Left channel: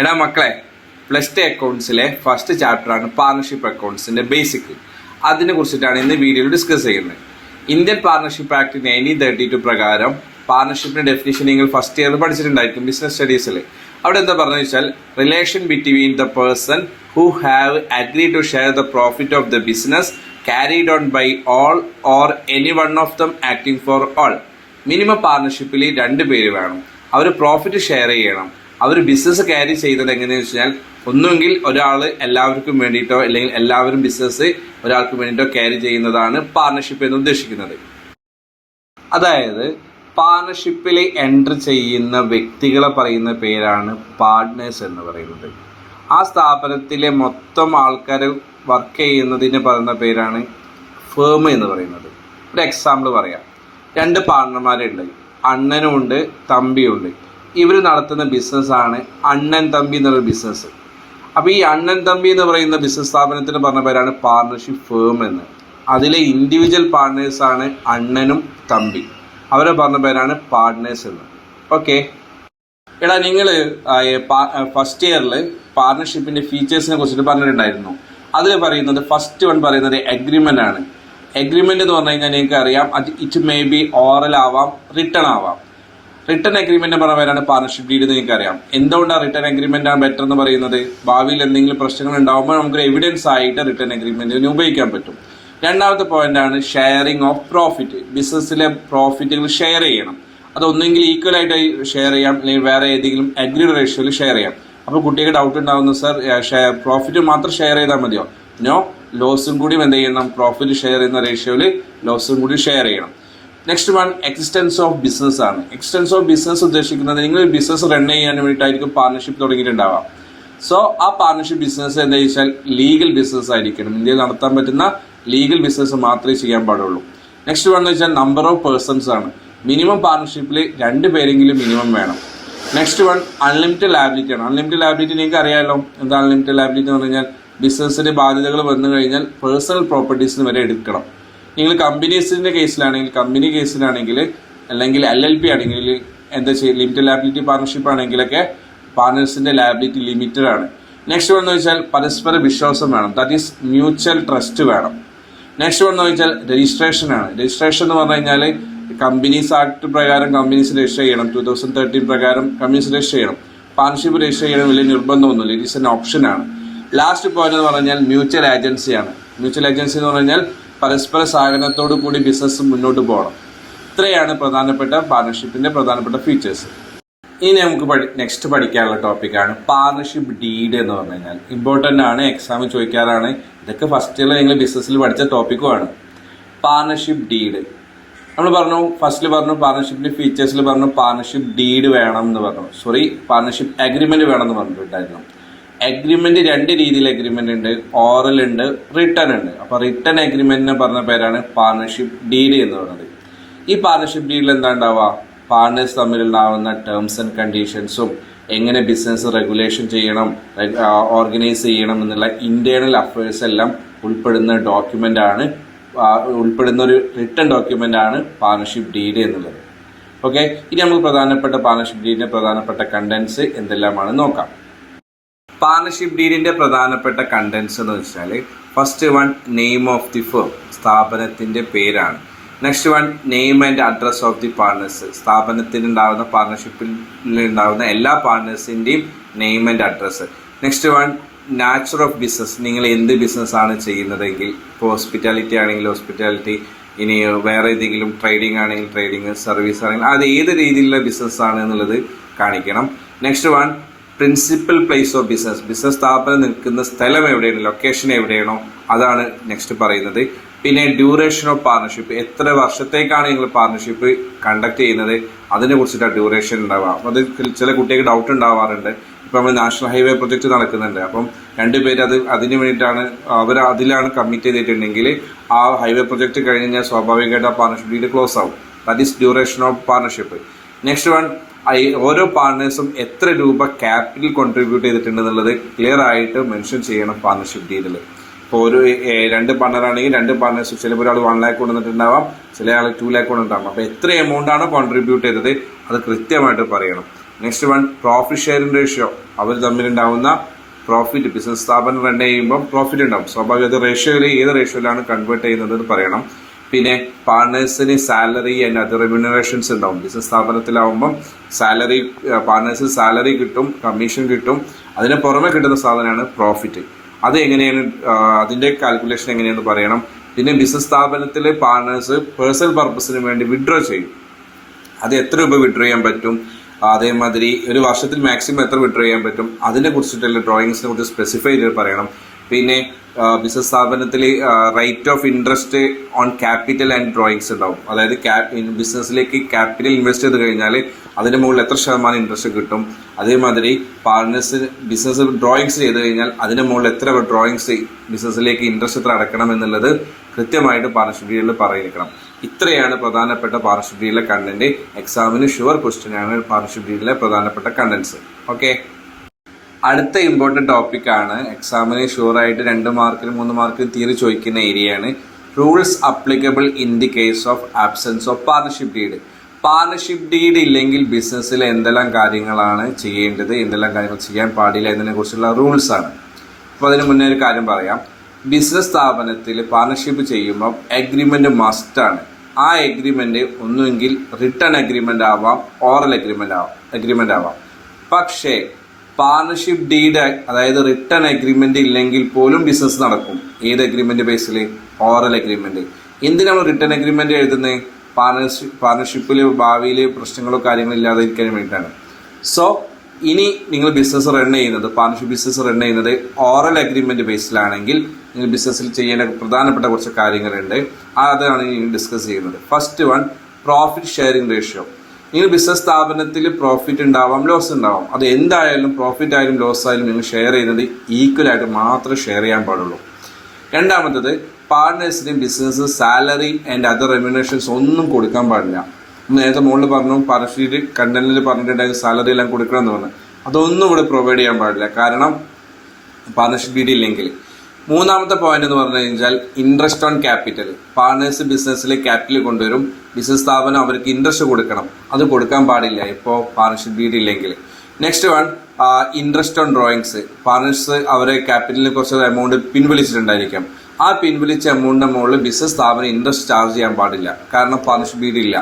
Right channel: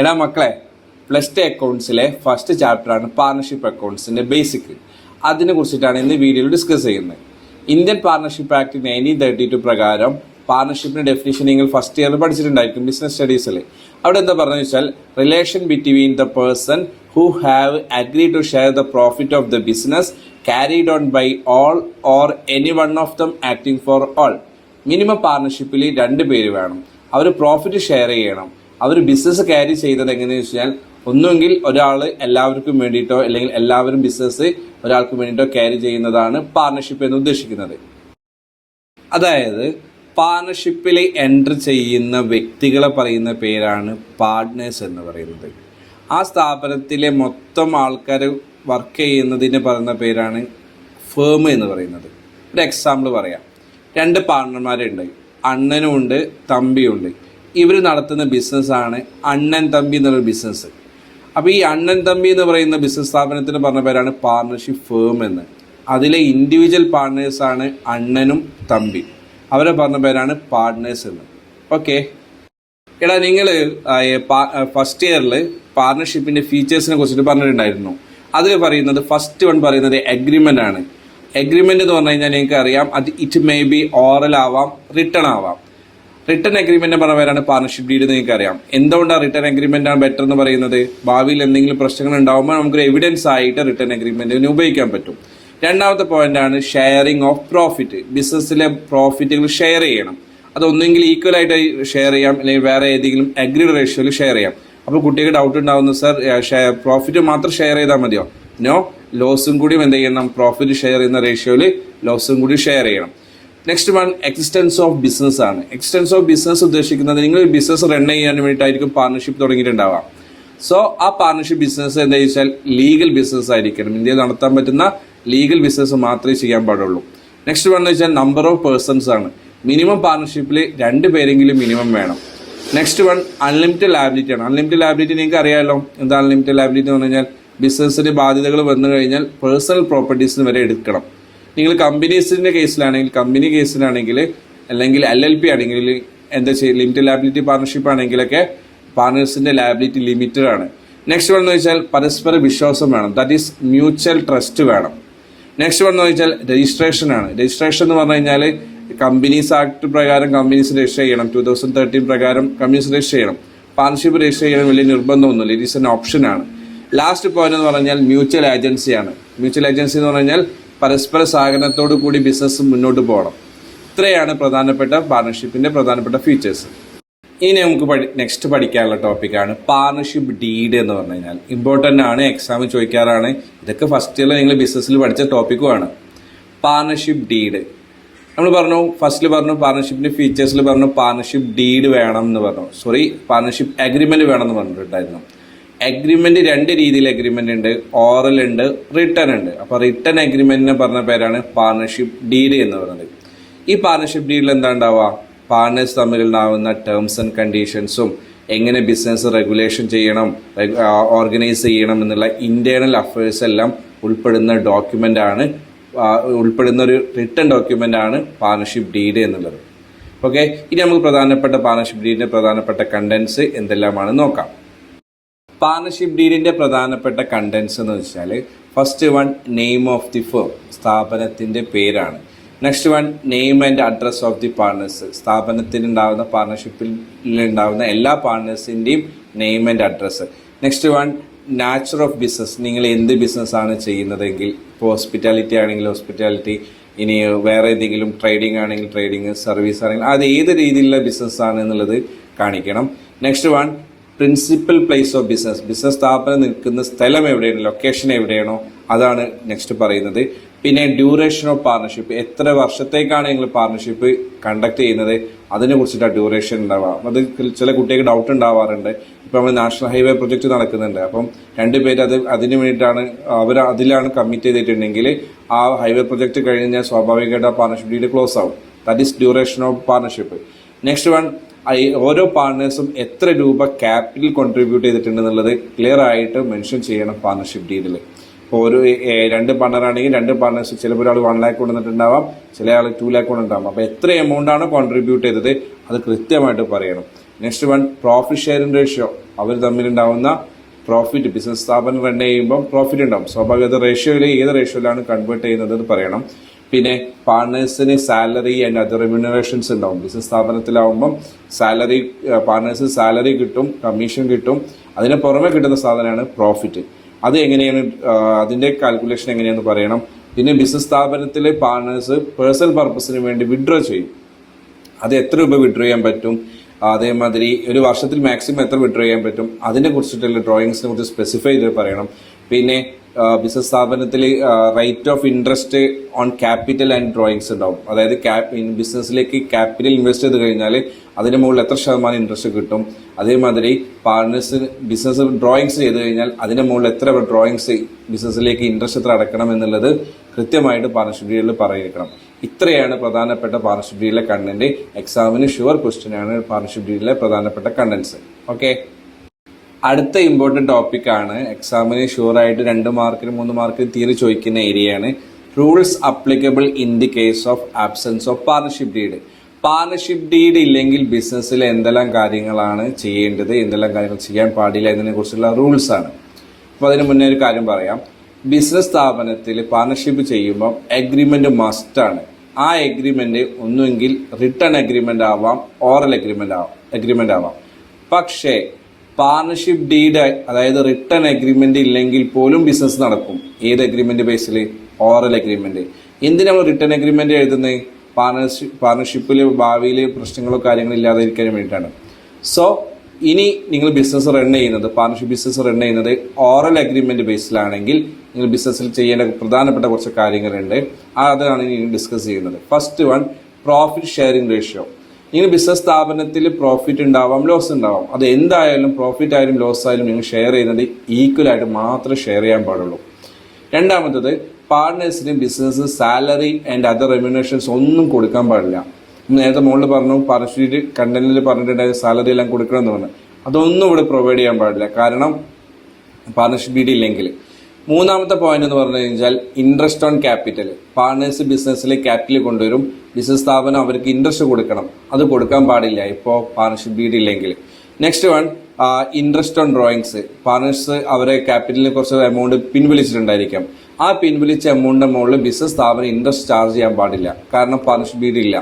എടാ മക്കളെ, +2 അക്കൗണ്ട്സിലെ ഫസ്റ്റ് ചാപ്റ്ററാണ് പാർട്ണർഷിപ്പ് അക്കൗണ്ട്സിന്റെ ബേസിക്. അതിനെ കുറിച്ചിട്ടാണ് ഇന്ന് വീഡിയോയിൽ ഡിസ്കസ് ചെയ്യുന്നത്. ഇന്ത്യൻ പാർട്ണർഷിപ്പ് ആക്ട് 1932 പ്രകാരം പാർട്ണർഷിപ്പിന്റെ ഡെഫിനിഷൻ നിങ്ങൾ ഫസ്റ്റ് ഇയർ പഠിച്ചിട്ടുണ്ടായിരിക്കും ബിസിനസ് സ്റ്റഡീസിൽ. അവിടെ എന്താ പറഞ്ഞു വെച്ചാൽ, relation between the person who have agree to share the profit of the business carried on by all or any one of them acting for all. Minimum പാർട്ണർഷിപ്പിൽ 2 പേര് വേണം. അവർ പ്രോഫിറ്റ് ഷെയർ ചെയ്യണം. അവർ ബിസിനസ് ക്യാരി ചെയ്യുന്നത് എങ്ങനെയാണെന്ന് വെച്ചാൽ, ഒന്നുമെങ്കിൽ ഒരാൾ എല്ലാവർക്കും വേണ്ടിയിട്ടോ അല്ലെങ്കിൽ എല്ലാവരും ബിസിനസ് ഒരാൾക്ക് വേണ്ടിയിട്ടോ ക്യാരി ചെയ്യുന്നതാണ് പാർട്ണർഷിപ്പ് എന്ന് ഉദ്ദേശിക്കുന്നത്. അതായത് പാർട്ണർഷിപ്പിൽ എൻ്റർ ചെയ്യുന്ന വ്യക്തികളെ പറയുന്ന പേരാണ് പാർട്ട്നേഴ്സ് എന്ന് പറയുന്നത്. ആ സ്ഥാപനത്തിലെ മൊത്തം ആൾക്കാർ വർക്ക് ചെയ്യുന്നതിന് പറയുന്ന പേരാണ് ഫേം എന്ന് പറയുന്നത്. ഒരു എക്സാമ്പിൾ പറയാം. 2 പാർട്ണർമാരുണ്ട്, അണ്ണനും ഉണ്ട് തമ്പിയുണ്ട്. ഇവർ നടത്തുന്ന ബിസിനസ്സാണ് അണ്ണൻ തമ്പി എന്നുള്ള ബിസിനസ്. അപ്പോൾ ഈ അണ്ണൻ തമ്പി എന്ന് പറയുന്ന ബിസിനസ് സ്ഥാപനത്തിന് പറഞ്ഞ പേരാണ് പാർട്ണർഷിപ്പ് ഫേം എന്ന്. അതിലെ ഇൻഡിവിജ്വൽ പാർട്ട്നേഴ്സാണ് അണ്ണനും തമ്പി. അവരെ പറഞ്ഞ പേരാണ് പാർട്ട്നേഴ്സ് എന്ന്. ഓക്കെ, എടാ നിങ്ങൾ ഫസ്റ്റ് ഇയറിൽ പാർട്ണർഷിപ്പിൻ്റെ ഫീച്ചേഴ്സിനെ കുറിച്ചിട്ട് പറഞ്ഞിട്ടുണ്ടായിരുന്നു. അതിൽ പറയുന്നത് ഫസ്റ്റ് വൺ പറയുന്നത് എഗ്രിമെൻ്റ് ആണ്. എഗ്രിമെൻ്റ് എന്ന് പറഞ്ഞു കഴിഞ്ഞാൽ നിങ്ങൾക്ക് അറിയാം, അത് ഇറ്റ് മേ ബി ഓറൽ ആവാം, റിട്ടേൺ ആവാം. റിട്ടേൺ എഗ്രിമെൻ്റ് പറഞ്ഞ പേരാണ് പാർട്ണർഷിപ്പ് ഡീഡ് എന്ന് നിങ്ങൾക്ക് അറിയാം. എന്തുകൊണ്ടാണ് റിട്ടേൺ എഗ്രിമെൻ്റ് ആണ് ബെറ്റർ എന്ന് പറയുന്നത്? ഭാവിയിൽ എന്തെങ്കിലും പ്രശ്നങ്ങൾ ഉണ്ടാകുമ്പോൾ നമുക്കൊരു എവിഡൻസ് ആയിട്ട് റിട്ടേൺ എഗ്രിമെൻറ്റിന് ഉപയോഗിക്കാൻ പറ്റും. രണ്ടാമത്തെ പോയിന്റ് ആണ് ഷെയറിംഗ് ഓഫ് പ്രോഫിറ്റ്. ബിസിനസ്സിലെ പ്രോഫിറ്റുകൾ ഷെയർ ചെയ്യണം. അതൊന്നെങ്കിൽ ഈക്വൽ ആയിട്ട് ഷെയർ ചെയ്യാം, അല്ലെങ്കിൽ വേറെ ഏതെങ്കിലും അഗ്രീഡ് റേഷ്യോയിൽ ഷെയർ ചെയ്യാം. അപ്പോൾ കുട്ടിക്ക് ഡൗട്ട് ഉണ്ടാകുന്നു, സർ പ്രോഫിറ്റ് മാത്രം ഷെയർ ചെയ്താൽ മതിയോ? നോ, ലോസും കൂടി എന്ത് ചെയ്യണം? പ്രോഫിറ്റ് ഷെയർ ചെയ്യുന്ന റേഷ്യോയിൽ ലോസും കൂടി ഷെയർ ചെയ്യണം. Next one existence of business ആണ്. എക്സിസ്റ്റൻസ് ഓഫ് ബിസിനസ് ഉദ്ദേശിക്കുന്നത് നിങ്ങൾ ബിസിനസ് റൺ ചെയ്യാൻ വേണ്ടിയിട്ടായിരിക്കും പാർട്ണർഷിപ്പ് തുടങ്ങിയിട്ടുണ്ടാവാം. സോ ആ പാർട്ണർഷിപ്പ് ബിസിനസ് എന്താ വെച്ചാൽ ലീഗൽ ബിസിനസ് ആയിരിക്കണം. ഇന്ത്യയിൽ നടത്താൻ പറ്റുന്ന ലീഗൽ ബിസിനസ് മാത്രമേ ചെയ്യാൻ പാടുള്ളൂ. നെക്സ്റ്റ് വൺ എന്ന് വെച്ചാൽ നമ്പർ ഓഫ് പേഴ്സൺസ് ആണ്. മിനിമം പാർട്ണർഷിപ്പിൽ 2 പേരെങ്കിലും മിനിമം വേണം. നെക്സ്റ്റ് വൺ അൺലിമിറ്റഡ് ലാബിലിറ്റി ആണ്. അൺലിമിറ്റഡ് ലാബിലിറ്റി നിങ്ങൾക്ക് അറിയാമല്ലോ. എന്താ അൺലിമിറ്റഡ് ലാബിലിറ്റി എന്ന് പറഞ്ഞാൽ, ബിസിനസ്സിന് ബാധ്യതകൾ വന്നു കഴിഞ്ഞാൽ പേഴ്സണൽ പ്രോപ്പർട്ടീസിന് വരെ എടുക്കണം. നിങ്ങൾ കമ്പനീസിൻ്റെ കേസിലാണെങ്കിൽ, കമ്പനി കേസിലാണെങ്കിൽ, അല്ലെങ്കിൽ LLP ആണെങ്കിൽ എന്താ ചെയ്യുക? ലിമിറ്റഡ് ലാബിലിറ്റി പാർട്ണർഷിപ്പ് ആണെങ്കിലൊക്കെ പാർട്ണേഴ്സിൻ്റെ ലാബിലിറ്റി ലിമിറ്റഡ് ആണ്. നെക്സ്റ്റ് വൺ എന്ന് വെച്ചാൽ പരസ്പര വിശ്വാസം വേണം. ദാറ്റ് ഈസ് മ്യൂച്വൽ ട്രസ്റ്റ് വേണം. നെക്സ്റ്റ് വൺ എന്ന് വെച്ചാൽ രജിസ്ട്രേഷൻ ആണ്. രജിസ്ട്രേഷൻ എന്ന് പറഞ്ഞു കഴിഞ്ഞാൽ കമ്പനീസ് ആക്ട് പ്രകാരം കമ്പനീസ് രജിസ്റ്റർ ചെയ്യണം. 2013 പ്രകാരം കമ്പനീസ് രജിസ്റ്റർ ചെയ്യണം. പാർട്ണർഷിപ്പ് രജിസ്റ്റർ ചെയ്യണം വലിയ നിർബന്ധമൊന്നുമില്ല. ഇറ്റ് ഈസ് എൻ ഓപ്ഷനാണ്. ലാസ്റ്റ് പോയിന്റ് എന്ന് പറഞ്ഞാൽ മ്യൂച്വൽ ഏജൻസിയാണ്. മ്യൂച്വൽ ഏജൻസി എന്ന് പറഞ്ഞാൽ പരസ്പര സഹകരണത്തോടു കൂടി ബിസിനസ് മുന്നോട്ട് പോകണം. ഇത്രയാണ് പ്രധാനപ്പെട്ട പാർട്ണർഷിപ്പിൻ്റെ പ്രധാനപ്പെട്ട ഫീച്ചേഴ്സ്. ഇനി നമുക്ക് നെക്സ്റ്റ് പഠിക്കാനുള്ള ടോപ്പിക്കാണ് പാർട്ണർഷിപ്പ് ഡീഡ് എന്ന് പറഞ്ഞു കഴിഞ്ഞാൽ. ഇമ്പോർട്ടൻ്റ് ആണ്, എക്സാമിൽ ചോദിക്കാറാണ്. ഇതൊക്കെ ഫസ്റ്റ് ഇയറിൽ നിങ്ങൾ ബിസിനസ്സിൽ പഠിച്ച ടോപ്പിക്കുമാണ്. പാർട്ണർഷിപ്പ് ഡീഡ് നമ്മൾ പറഞ്ഞു, ഫസ്റ്റിൽ പറഞ്ഞു പാർട്ണർഷിപ്പിൻ്റെ ഫീച്ചേഴ്സിൽ പറഞ്ഞു പാർട്ണർഷിപ്പ് ഡീഡ് വേണം എന്ന് പറഞ്ഞു. പാർട്ണർഷിപ്പ് അഗ്രിമെൻറ്റ് വേണം എന്ന് പറഞ്ഞിട്ടുണ്ടായിരുന്നു. അഗ്രിമെൻറ്റ് 2 രീതിയിൽ അഗ്രിമെൻ്റ് ഉണ്ട്. ഓറൽ ഉണ്ട്, റിട്ടേൺ ഉണ്ട്. അപ്പോൾ റിട്ടേൺ അഗ്രിമെൻറ്റിനെ പറഞ്ഞ പേരാണ് പാർട്ണർഷിപ്പ് ഡീഡ് എന്ന് പറയുന്നത്. ഈ പാർട്ണർഷിപ്പ് ഡീഡിൽ എന്താ ഉണ്ടാവുക? പാർട്ണേഴ്സ് തമ്മിലുണ്ടാവുന്ന ടേംസ് ആൻഡ് കണ്ടീഷൻസും എങ്ങനെ ബിസിനസ് റെഗുലേഷൻ ചെയ്യണം, ഓർഗനൈസ് ചെയ്യണം എന്നുള്ള ഇൻറ്റേർണൽ അഫയേഴ്സ് എല്ലാം ഉൾപ്പെടുന്ന ഒരു റിട്ടേൺ ഡോക്യുമെൻ്റ് ആണ് പാർട്ണർഷിപ്പ് ഡീഡ് എന്നുള്ളത്. ഓക്കെ, ഇനി നമുക്ക് പ്രധാനപ്പെട്ട പാർട്ണർഷിപ്പ് ഡീഡിൻ്റെ പ്രധാനപ്പെട്ട കണ്ടൻസ് എന്തെല്ലാമാണ് നോക്കാം. പാർട്ണർഷിപ്പ് ഡീഡിൻ്റെ പ്രധാനപ്പെട്ട കണ്ടൻസ് എന്ന് വെച്ചാൽ, first one name of the firm, സ്ഥാപനത്തിൻ്റെ പേരാണ്. Next one name and address of the partners, സ്ഥാപനത്തിലുണ്ടാകുന്ന പാർട്ണർഷിപ്പിൽ ഉണ്ടാകുന്ന എല്ലാ പാർട്ണേഴ്സിൻ്റെയും name and address. Next one nature of business, നിങ്ങൾ എന്ത് ബിസിനസ്സാണ് ചെയ്യുന്നതെങ്കിൽ, ഇപ്പോൾ ഹോസ്പിറ്റാലിറ്റി ആണെങ്കിൽ ഹോസ്പിറ്റാലിറ്റി, ഇനി വേറെ ഏതെങ്കിലും ട്രേഡിംഗ് ആണെങ്കിൽ ട്രേഡിംഗ്, സർവീസ് ആണെങ്കിൽ അത് ഏത് രീതിയിലുള്ള ബിസിനസ്സാണ് എന്നുള്ളത് കാണിക്കണം. Next one principal place of business, business സ്ഥാപനം നിൽക്കുന്ന സ്ഥലം എവിടെയാണ്, ലൊക്കേഷൻ എവിടെയാണോ അതാണ് നെക്സ്റ്റ് പറയുന്നത്. പിന്നെ ഡ്യൂറേഷൻ ഓഫ് പാർട്ണർഷിപ്പ്, എത്ര വർഷത്തേക്കാണ് നിങ്ങൾ പാർട്ണർഷിപ്പ് കണ്ടക്ട് ചെയ്യുന്നത്, അതിനെ കുറിച്ചിട്ടാണ് ഡ്യൂറേഷൻ ഉണ്ടാവുക. അത് ചില കുട്ടികൾക്ക് ഡൗട്ട് ഉണ്ടാവാറുണ്ട്. ഇപ്പം നമ്മൾ നാഷണൽ ഹൈവേ പ്രൊജക്റ്റ് നടക്കുന്നുണ്ട്. അപ്പം 2 പേര് അതിന് വേണ്ടിയിട്ടാണ് അതിലാണ് കമ്മിറ്റ് ചെയ്തിട്ടുണ്ടെങ്കിൽ ആ ഹൈവേ പ്രൊജക്റ്റ് കഴിഞ്ഞ് കഴിഞ്ഞാൽ സ്വാഭാവികമായിട്ട് ആ പാർട്ണർഷിപ്പ് ഡീഡ് ക്ലോസ് ആവും. That is duration of partnership. Next one ഓരോ പാർട്ണേഴ്സും എത്ര രൂപ ക്യാപിറ്റൽ കോൺട്രിബ്യൂട്ട് ചെയ്തിട്ടുണ്ടെന്നുള്ളത് ക്ലിയർ ആയിട്ട് മെൻഷൻ ചെയ്യണം പാർട്ണർഷിപ്പ് ഡീഡിൽ. ഇപ്പോൾ ഒരു 2 പാർട്ണറാണെങ്കിൽ 2 പാർട്ണേഴ്സ്, ചിലപ്പോൾ ഒരാൾ 1 lakh കൊണ്ടുവന്നിട്ടുണ്ടാവാം, ചില ആൾ 2 lakh കൊണ്ടുണ്ടാവാം. അപ്പോൾ എത്ര എമൗണ്ടാണോ കോൺട്രിബ്യൂട്ട് ചെയ്തത് അത് കൃത്യമായിട്ട് പറയണം. Next one profit sharing ratio, അവർ തമ്മിലുണ്ടാവുന്ന പ്രോഫിറ്റ്, ബിസിനസ് സ്ഥാപനം റൺ ചെയ്യുമ്പോൾ പ്രോഫിറ്റ് ഉണ്ടാവും, സ്വാഭാവികത റേഷ്യോയിൽ ഏത് റേഷ്യോയിലാണ് കൺവേർട്ട് ചെയ്യുന്നത് എന്ന് പറയണം. പിന്നെ പാർട്ട്നേഴ്സിന് സാലറി ആൻഡ് അതർ റെമ്യൂണറേഷൻസ് ഉണ്ടാവും. ബിസിനസ് സ്ഥാപനത്തിലാവുമ്പം സാലറി, പാർട്ട്നേഴ്സിന് സാലറി കിട്ടും, കമ്മീഷൻ കിട്ടും, അതിന് പുറമെ കിട്ടുന്ന സാധനമാണ് പ്രോഫിറ്റ്. അത് എങ്ങനെയാണ്, അതിൻ്റെ കാൽക്കുലേഷൻ എങ്ങനെയാണെന്ന് പറയണം. പിന്നെ ബിസിനസ് സ്ഥാപനത്തിൽ പാർട്ട്നേഴ്സ് പേഴ്സണൽ പർപ്പസിന് വേണ്ടി വിഡ്രോ ചെയ്യും, അത് എത്ര രൂപ വിഡ്രോ ചെയ്യാൻ പറ്റും, അതേമാതിരി ഒരു വർഷത്തിൽ മാക്സിമം എത്ര വിഡ്രോ ചെയ്യാൻ പറ്റും, അതിനെ കുറിച്ചിട്ടുള്ള ഡ്രോയിങ്സിനെ കുറിച്ച് സ്പെസിഫൈ ചെയ്ത് പറയണം. പിന്നെ ബിസിനസ് സ്ഥാപനത്തിൽ rate of interest on capital and drawings ഉണ്ടാവും. അതായത് ബിസിനസ്സിലേക്ക് ക്യാപിറ്റൽ ഇൻവെസ്റ്റ് ചെയ്ത് കഴിഞ്ഞാൽ അതിന് മുകളിൽ എത്ര ശതമാനം ഇൻട്രസ്റ്റ് കിട്ടും, അതേമാതിരി പാർട്ട്നേഴ്സിന് ബിസിനസ് ഡ്രോയിങ്സ് ചെയ്ത് കഴിഞ്ഞാൽ അതിന് മുകളിൽ എത്ര ഡ്രോയിങ്സ് ബിസിനസ്സിലേക്ക് ഇൻട്രസ്റ്റ് എത്ര അടക്കണം എന്നുള്ളത് കൃത്യമായിട്ട് പാർട്ണർഷിപ്പ് ഡീലിൽ പറഞ്ഞിരിക്കണം. ഇത്രയാണ് പ്രധാനപ്പെട്ട പാർട്ണർഷിപ്പ് ഡീലിലെ കണ്ടന്റ്. എക്സാമിന് ഷുവർ ക്വസ്റ്റ്യൻ ആണ് പാർട്ണർഷിപ്പ് ഡീലിലെ പ്രധാനപ്പെട്ട കണ്ടന്റ്സ്. ഓക്കെ, അടുത്ത ഇമ്പോർട്ടൻറ്റ് ടോപ്പിക്കാണ്, എക്സാമിന് ഷുവറായിട്ട് 2 മാർക്കിന് 3 മാർക്കിന് തിയറി ചോദിക്കുന്ന ഏരിയയാണ് rules applicable in the case of absence of partnership deed. Partnership deed ഇല്ലെങ്കിൽ ബിസിനസ്സിൽ എന്തെല്ലാം കാര്യങ്ങളാണ് ചെയ്യേണ്ടത്, എന്തെല്ലാം കാര്യങ്ങൾ ചെയ്യാൻ പാടില്ല എന്നതിനെ കുറിച്ചുള്ള റൂൾസ് ആണ്. അപ്പോൾ അതിന് മുന്നേ ഒരു കാര്യം പറയാം. ബിസിനസ് സ്ഥാപനത്തിൽ പാർട്ണർഷിപ്പ് ചെയ്യുമ്പോൾ എഗ്രിമെന്റ് മസ്റ്റാണ്. ആ എഗ്രിമെന്റ് ഒന്നുകിൽ റിട്ടേൺ എഗ്രിമെന്റ് ആവാം, ഓറൽ എഗ്രിമെന്റ് ആവാം. പക്ഷേ പാർട്ണർഷിപ്പ് ഡീഡ്, അതായത് റിട്ടേൺ എഗ്രിമെന്റ് ഇല്ലെങ്കിൽ പോലും ബിസിനസ് നടക്കും. ഏത് എഗ്രിമെന്റ് ബേസിൽ? Oral agreement. എന്തിനാണ് റിട്ടേൺ എഗ്രിമെന്റ് എഴുതുന്നത്? പാർട്ണർഷിപ്പിൽ ഭാവിയിൽ പ്രശ്നങ്ങളോ കാര്യങ്ങളോ ഇല്ലാതിരിക്കാൻ വേണ്ടിയിട്ടാണ്. സോ ഇനി നിങ്ങൾ ബിസിനസ് റൺ ചെയ്യുന്നത്, പാർട്ണർഷിപ്പ് ബിസിനസ് റൺ ചെയ്യുന്നത് ഓറൽ അഗ്രിമെന്റ് ബേസിലാണെങ്കിൽ നിങ്ങൾ ബിസിനസ്സിൽ ചെയ്യേണ്ട പ്രധാനപ്പെട്ട കുറച്ച് കാര്യങ്ങളുണ്ട്. അതാണ് ഇനി ഡിസ്കസ് ചെയ്യുന്നത്. First one, profit sharing ratio. നിങ്ങൾ ബിസിനസ് സ്ഥാപനത്തിൽ പ്രോഫിറ്റ് ഉണ്ടാവാം, ലോസ് ഉണ്ടാവാം. അത് എന്തായാലും പ്രോഫിറ്റ് ആയാലും ലോസ് ആയാലും നിങ്ങൾ ഷെയർ ചെയ്യുന്നത് ഈക്വലായിട്ട് മാത്രമേ ഷെയർ ചെയ്യാൻ പാടുള്ളൂ. രണ്ടാമത്തത്, പാർട്ട്നേഴ്സിന് ബിസിനസ് സാലറി ആൻഡ് അതർ റെമ്യൂണറേഷൻസ് ഒന്നും കൊടുക്കാൻ പാടില്ല. നേരത്തെ മുകളിൽ പറഞ്ഞു, പാർട്ണർഷിപ്പ് കണ്ടന്റിൽ പറഞ്ഞിട്ടുണ്ടായത് സാലറി എല്ലാം കൊടുക്കണം എന്ന് പറഞ്ഞു. അതൊന്നും ഇവിടെ പ്രൊവൈഡ് ചെയ്യാൻ പാടില്ല, കാരണം പാർട്ണർഷിപ്പ് ഡീഡ് ഇല്ലെങ്കിൽ. മൂന്നാമത്തെ പോയിന്റ് എന്ന് പറഞ്ഞു കഴിഞ്ഞാൽ ഇൻട്രസ്റ്റ് ഓൺ ക്യാപിറ്റൽ. പാർട്ണേഴ്സ് ബിസിനസ്സിലെ ക്യാപിറ്റൽ കൊണ്ടുവരും, ബിസിനസ് സ്ഥാപനം അവർക്ക് ഇൻട്രസ്റ്റ് കൊടുക്കണം, അത് കൊടുക്കാൻ പാടില്ല ഇപ്പോൾ പാർട്ണർഷിപ്പ് ഡീഡ് ഇല്ലെങ്കിൽ. Next one, interest on drawings. Partners അവരെ ക്യാപിറ്റലിന് കുറച്ച് എമൗണ്ട് പിൻവലിച്ചിട്ടുണ്ടായിരിക്കാം. ആ പിൻവലിച്ച എമൗണ്ടിന്റെ മുകളിൽ ബിസിനസ് സ്ഥാപനം ഇൻട്രസ്റ്റ് ചാർജ് ചെയ്യാൻ പാടില്ല, കാരണം പാർട്ണർഷിപ്പ് ഡീഡ് ഇല്ല.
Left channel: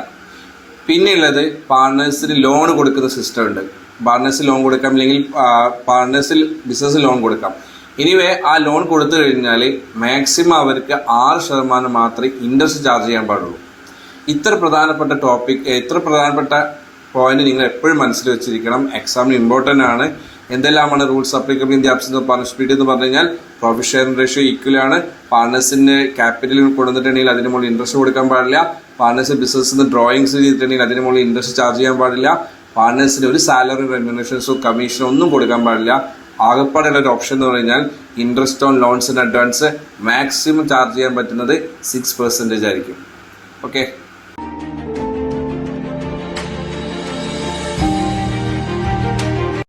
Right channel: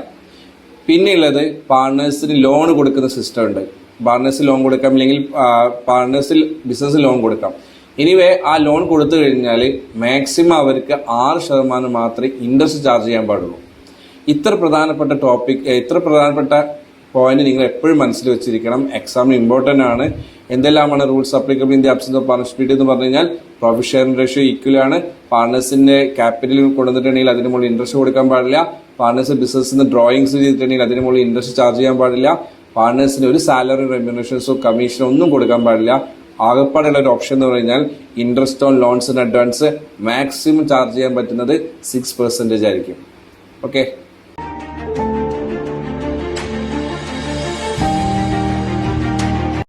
പിന്നെയുള്ളത്, പാർട്ണേഴ്സിന് ലോൺ കൊടുക്കുന്ന സിസ്റ്റം ഉണ്ട്. പാർട്ണേഴ്സ് ലോൺ കൊടുക്കാം, അല്ലെങ്കിൽ പാർട്ണേഴ്സിൽ ബിസിനസ് ലോൺ കൊടുക്കാം. എനിവേ ആ ലോൺ കൊടുത്തു കഴിഞ്ഞാൽ മാക്സിമം അവർക്ക് 6% മാത്രമേ ഇൻട്രസ്റ്റ് ചാർജ് ചെയ്യാൻ പാടുള്ളൂ. ഇത്ര പ്രധാനപ്പെട്ട ടോപ്പിക്, ഇത്ര പ്രധാനപ്പെട്ട പോയിന്റ് നിങ്ങൾ എപ്പോഴും മനസ്സിൽ വെച്ചിരിക്കണം. എക്സാമിന് ഇമ്പോർട്ടൻ്റ് ആണ്. എന്തെല്ലാമാണ് rules applicable in the absence of partnership deed എന്ന് പറഞ്ഞു കഴിഞ്ഞാൽ, പ്രോഫിറ്റ് ഷെയറിംഗ് റേഷ്യോ ഈക്വൽ ആണ്. പാർട്ണേഴ്സിന്റെ ക്യാപിറ്റൽ കൊണ്ടുവന്നിട്ടുണ്ടെങ്കിൽ അതിന് മുകളിൽ ഇൻട്രസ്റ്റ് കൊടുക്കാൻ പാടില്ല. പാർട്ണേഴ്സ് ബിസിനസ്സിന് ഡ്രോയിങ്സ് ചെയ്തിട്ടുണ്ടെങ്കിൽ അതിന് മുകളിൽ ഇൻട്രസ്റ്റ് ചാർജ് ചെയ്യാൻ പാടില്ല. പാർട്ണേഴ്സിന് ഒരു സാലറി റെമ്യൂണറേഷൻസോ കമ്മീഷനോ ഒന്നും കൊടുക്കാൻ പാടില്ല. ആകെപ്പാടുള്ള ഒരു ഓപ്ഷൻ എന്ന് പറഞ്ഞാൽ interest on loans and advance maximum charge ചെയ്യാൻ പറ്റുന്നത് 6% ആയിരിക്കും. ഓക്കെ.